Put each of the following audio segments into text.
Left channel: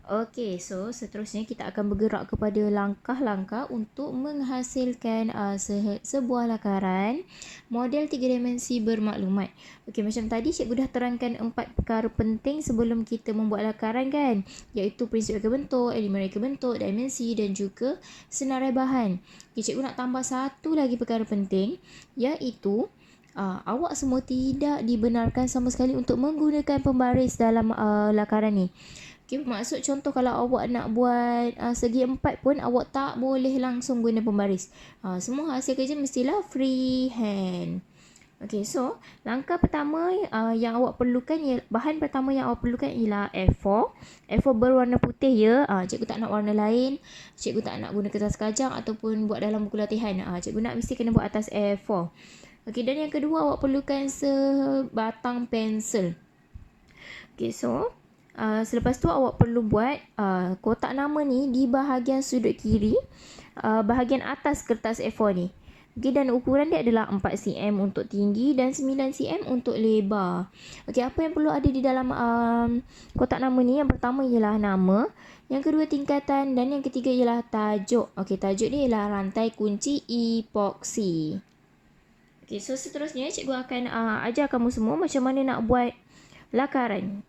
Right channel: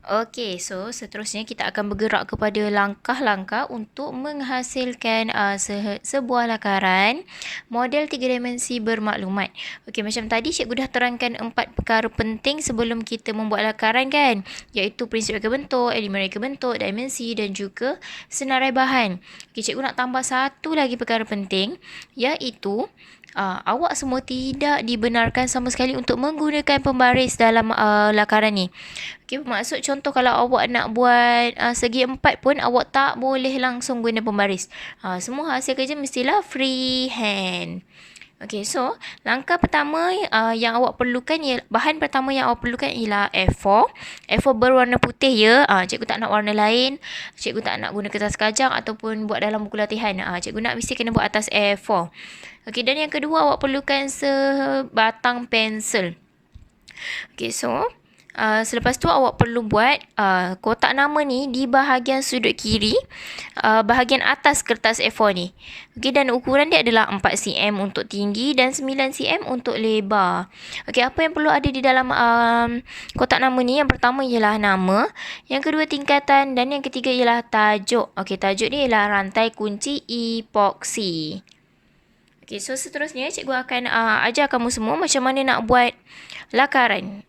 Okey, so seterusnya kita akan bergerak kepada langkah-langkah untuk menghasilkan sebuah lakaran model tiga dimensi bermaklumat. Okey, macam tadi cikgu dah terangkan 4 perkara penting sebelum kita membuat lakaran kan, iaitu prinsip reka bentuk, elemen reka bentuk, dimensi dan juga senarai bahan. Okey, cikgu nak tambah satu lagi perkara penting, iaitu awak semua tidak dibenarkan sama sekali untuk menggunakan pembaris dalam lakaran ni. Okay, maksud contoh kalau awak nak buat segi empat pun awak tak boleh langsung guna pembaris. Semua hasil kerja mestilah freehand. Okay, so langkah pertama yang awak perlukan bahan pertama yang awak perlukan ialah A4. A4 berwarna putih ya. Cikgu tak nak warna lain. Cikgu tak nak guna kertas kajang ataupun buat dalam buku latihan. Cikgu nak mesti kena buat atas A4. Okay, dan yang kedua awak perlukan sebatang pensel. Okay, so selepas tu awak perlu buat kotak nama ni di bahagian sudut kiri, bahagian atas kertas A4 ni. Okey, dan ukuran dia adalah 4 cm untuk tinggi dan 9 cm untuk lebar. Okey, apa yang perlu ada di dalam kotak nama ni? Yang pertama ialah nama, yang kedua tingkatan dan yang ketiga ialah tajuk. Okey, tajuk ni ialah rantai kunci epoksi. Okey, so seterusnya cikgu akan ajar kamu semua macam mana nak buat lakaran.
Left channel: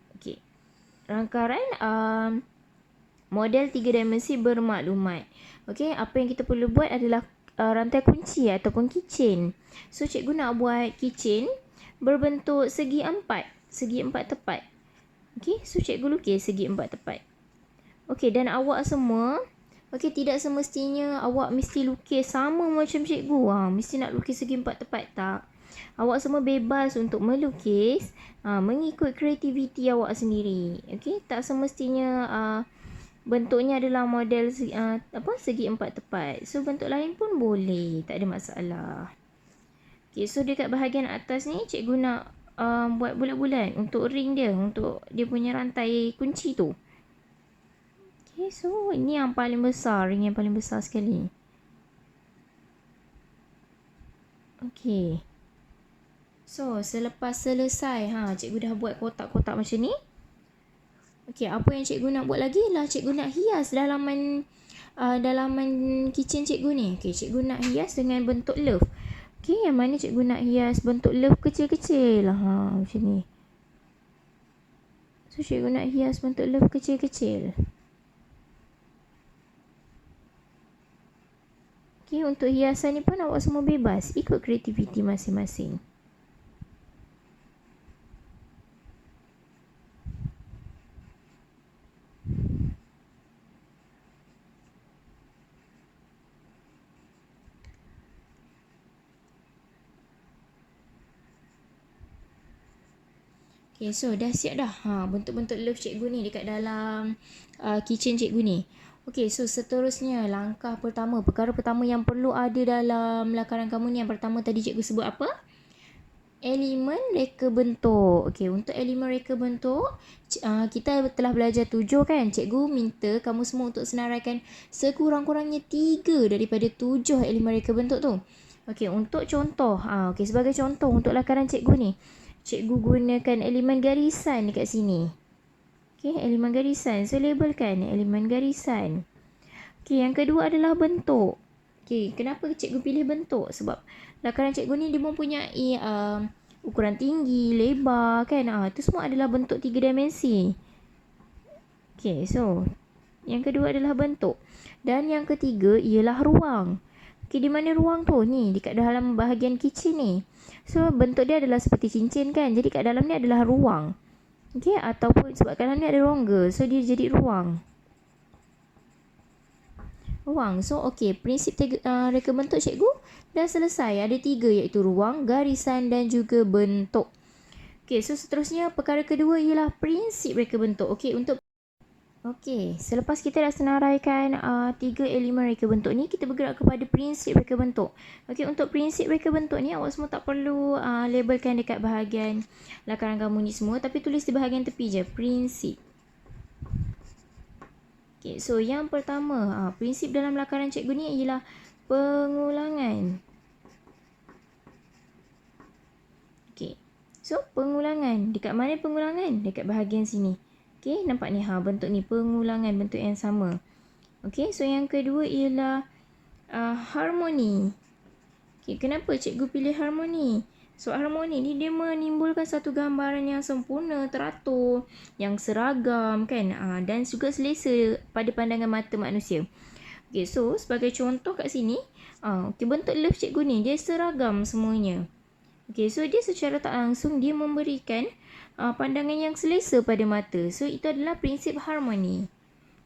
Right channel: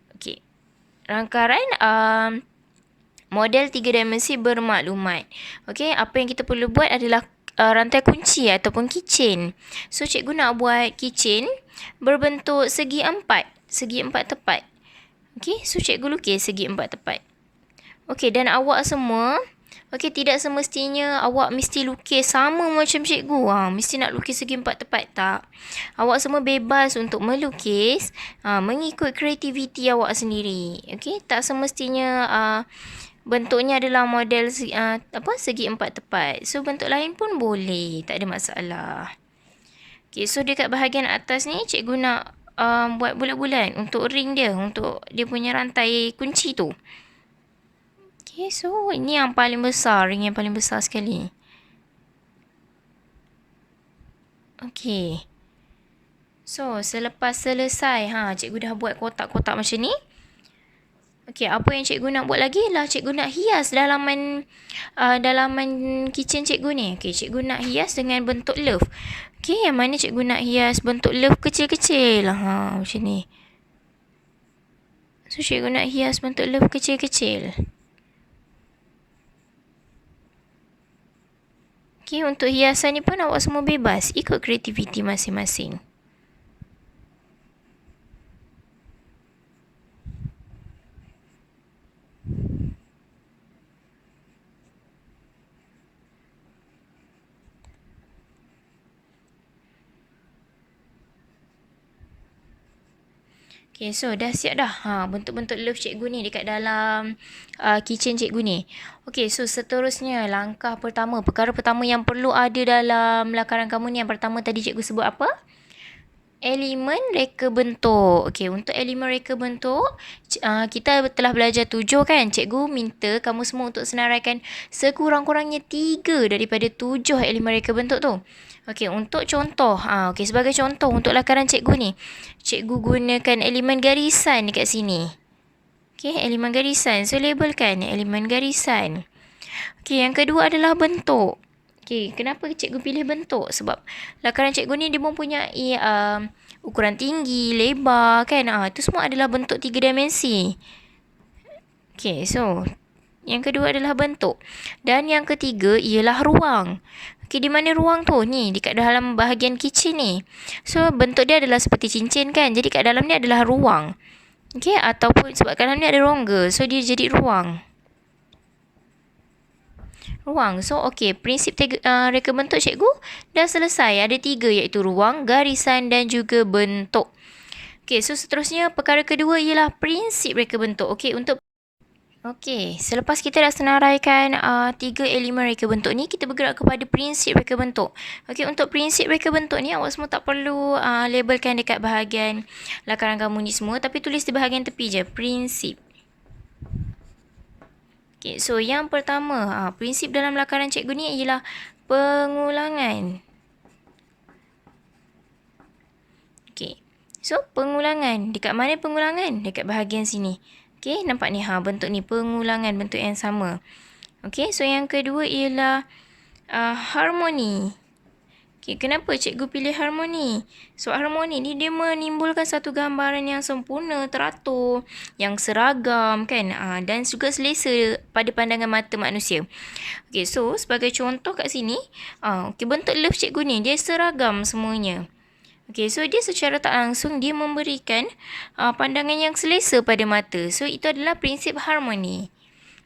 Rangkaian model 3 dimensi bermaklumat. Okey, apa yang kita perlu buat adalah rantai kunci ataupun keychain. So, cikgu nak buat keychain berbentuk segi empat tepat. Okey, so cikgu lukis segi empat tepat. Okey, dan awak semua, tidak semestinya awak mesti lukis sama macam cikgu. Mesti nak lukis segi empat tepat, tak. Awak semua bebas untuk melukis mengikut kreativiti awak sendiri. Okey, tak semestinya bentuknya adalah model segi empat tepat. So, bentuk lain pun boleh, tak ada masalah. Okey, so dekat bahagian atas ni cikgu nak buat bulat-bulat untuk ring dia, untuk dia punya rantai kunci tu. Okay, so ini yang paling besar, ring yang paling besar sekali. Okay. So, selepas selesai, cikgu dah buat kotak-kotak macam ni. Okay, apa yang cikgu nak buat lagi lah, cikgu nak hias dalaman kitchen cikgu ni. Okay, cikgu nak hias dengan bentuk love. Okay, yang mana cikgu nak hias bentuk love kecil-kecil. Macam ni. So, cikgu nak hias bentuk love kecil-kecil. Okay, untuk hiasan ni pun awak semua bebas ikut kreativiti masing-masing. Okay, so dah siap dah bentuk-bentuk love cikgu ni dekat dalam kitchen cikgu ni. Okay, so seterusnya langkah pertama, perkara pertama yang perlu ada dalam lakaran kamu ni, yang pertama tadi cikgu sebut apa? Elemen reka bentuk. Okay, untuk elemen reka bentuk, kita telah belajar 7 kan? Cikgu minta kamu semua untuk senaraikan sekurang-kurangnya 3 daripada 7 elemen reka bentuk tu. Okey, untuk contoh, sebagai contoh untuk lakaran cikgu ni, cikgu gunakan elemen garisan dekat sini. Okey, elemen garisan. So, labelkan elemen garisan. Okey, yang kedua adalah bentuk. Okey, kenapa cikgu pilih bentuk? Sebab lakaran cikgu ni dia mempunyai ukuran tinggi, lebar kan. Itu semua adalah bentuk 3 dimensi. Okey, so yang kedua adalah bentuk. Dan yang ketiga ialah ruang. Okey, di mana ruang tu? Ni, dekat dalam bahagian kitchen ni. So, bentuk dia adalah seperti cincin kan. Jadi, kat dalam ni adalah ruang. Okey, ataupun sebab kat dalam ni ada rongga. So, dia jadi ruang. Ruang. So, okey. Prinsip reka bentuk cikgu dah selesai. Ada 3 iaitu ruang, garisan dan juga bentuk. Okey, so seterusnya perkara kedua ialah prinsip reka bentuk. Okey, untuk Okey, selepas kita dah senaraikan 3 elemen reka bentuk ni, kita bergerak kepada prinsip reka bentuk. Okey, untuk prinsip reka bentuk ni, awak semua tak perlu labelkan dekat bahagian lakaran kamu ni semua, tapi tulis di bahagian tepi je, prinsip. Okey, so yang pertama, prinsip dalam lakaran cikgu ni ialah pengulangan. Okey, so pengulangan. Dekat mana pengulangan? Dekat bahagian sini. Okey, nampak ni bentuk ni pengulangan bentuk yang sama. Okey, so yang kedua ialah harmoni. Okay, kenapa cikgu pilih harmoni? So, harmoni ni dia menimbulkan satu gambaran yang sempurna, teratur, yang seragam kan, dan juga selesa pada pandangan mata manusia. Okay, so sebagai contoh kat sini, okay, bentuk love cikgu ni dia seragam semuanya. Okay, so dia secara tak langsung dia memberikan pandangan yang selesa pada mata. So, itu adalah prinsip harmoni.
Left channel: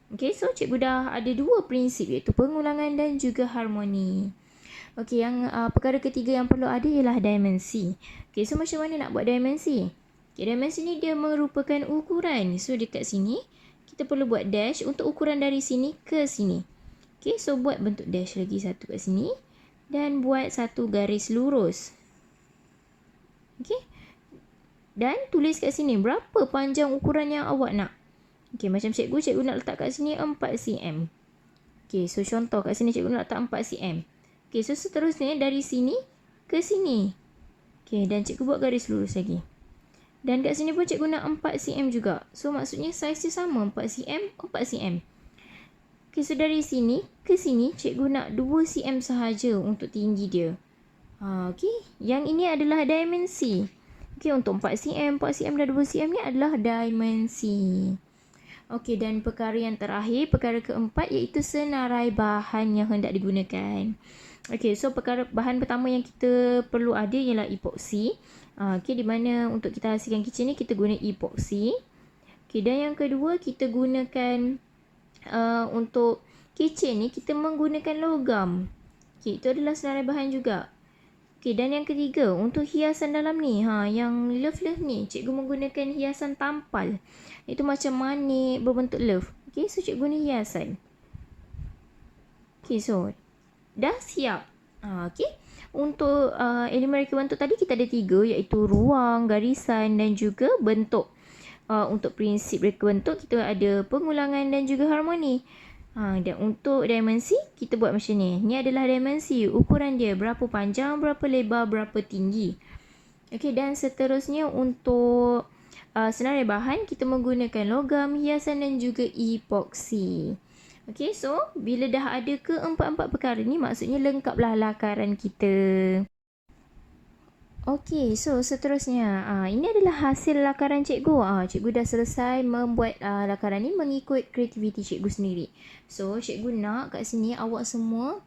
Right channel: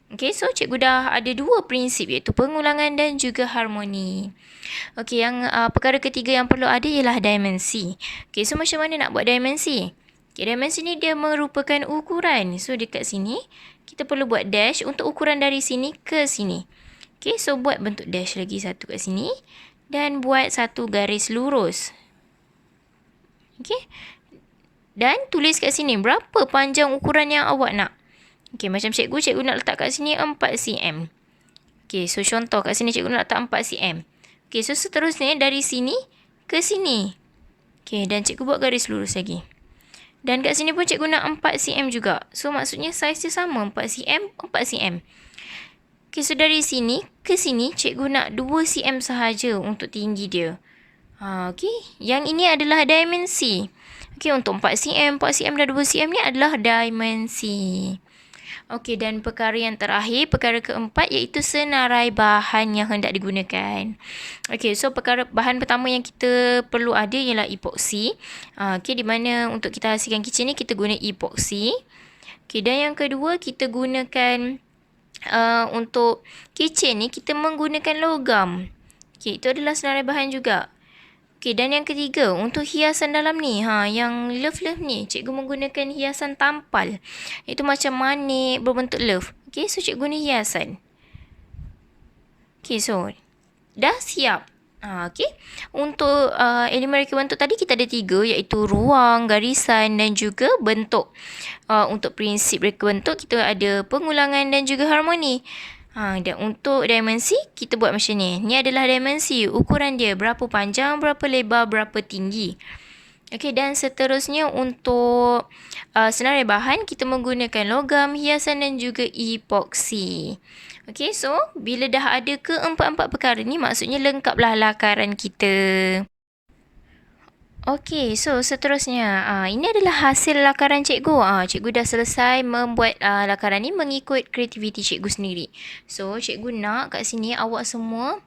Okay, so cikgu dah ada dua prinsip iaitu pengulangan dan juga harmoni. Okey, yang perkara ketiga yang perlu ada ialah dimensi. Okey, so macam mana nak buat dimensi? Okey, dimensi ni dia merupakan ukuran. So dekat sini kita perlu buat dash untuk ukuran dari sini ke sini. Okey, so buat bentuk dash lagi satu kat sini dan buat satu garis lurus. Okey. Dan tulis kat sini berapa panjang ukuran yang awak nak. Okey, macam cikgu nak letak kat sini 4 cm. Okey, so contoh kat sini cikgu nak letak 4 cm. Okey, so seterusnya dari sini ke sini. Okey, dan cikgu buat garis lurus lagi. Dan kat sini pun cikgu nak 4 cm juga. So maksudnya saiz dia sama, 4 cm, 4 cm. Okey, so dari sini ke sini cikgu nak 2 cm sahaja untuk tinggi dia. Okey, yang ini adalah dimensi. Okey, untuk 4 cm, 4 cm dan 2 cm ni adalah dimensi. Okey, dan perkara yang terakhir, perkara keempat iaitu senarai bahan yang hendak digunakan. Okey, so bahan pertama yang kita perlu ada ialah epoksi. Okey, di mana untuk kita hasilkan kitchen ni kita guna epoksi. Okey, dan yang kedua kita gunakan untuk kitchen ni kita menggunakan logam. Okey, itu adalah senarai bahan juga. Okey, dan yang ketiga, untuk hiasan dalam ni, yang love ni, cikgu menggunakan hiasan tampal. Itu macam manik berbentuk love. Okey, so cikgu guna hiasan. Okey, so dah siap. Okey, untuk elemen reka bentuk tadi kita ada 3 iaitu ruang, garisan dan juga bentuk. Untuk prinsip reka bentuk kita ada pengulangan dan juga harmoni. Dan untuk dimensi, kita buat macam ni. Ni adalah dimensi. Ukuran dia berapa panjang, berapa lebar, berapa tinggi. Okey, dan seterusnya untuk senarai bahan, kita menggunakan logam, hiasan dan juga epoksi. Okey, so bila dah ada keempat-empat perkara ni, maksudnya lengkaplah lakaran kita. Okey, so seterusnya, ini adalah hasil lakaran cikgu. Cikgu dah selesai membuat lakaran ni mengikut kreativiti cikgu sendiri. So, cikgu nak kat sini awak semua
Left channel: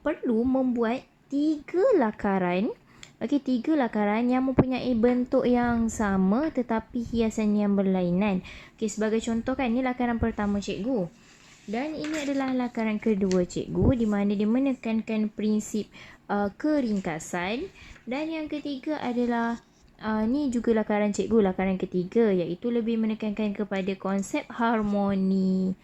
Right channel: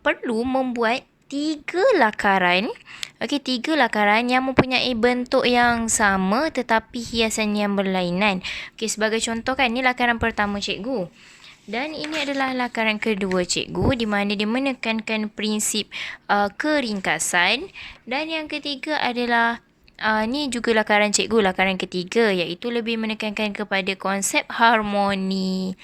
perlu membuat 3 lakaran. Okey, 3 lakaran yang mempunyai bentuk yang sama tetapi hiasan yang berlainan. Okey, sebagai contoh kan, ni lakaran pertama cikgu. Dan ini adalah lakaran kedua cikgu di mana dia menekankan prinsip keringkasan. Dan yang ketiga adalah ni juga lakaran cikgu, lakaran ketiga iaitu lebih menekankan kepada konsep harmoni.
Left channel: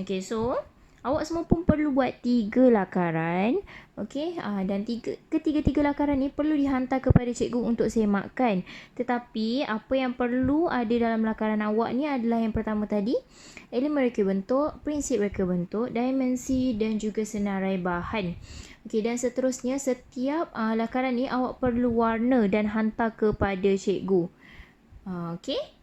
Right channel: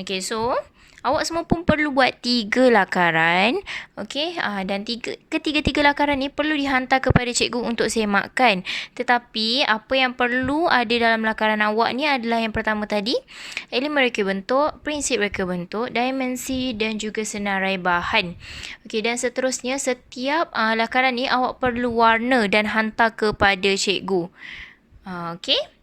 Okey, so awak semua pun perlu buat 3 lakaran. Okey, dan ketiga-tiga lakaran ni perlu dihantar kepada cikgu untuk semakkan. Tetapi apa yang perlu ada dalam lakaran awak ni adalah yang pertama tadi, elemen reka bentuk, prinsip reka bentuk, dimensi dan juga senarai bahan. Okey, dan seterusnya setiap lakaran ni awak perlu warna dan hantar kepada cikgu. Okey.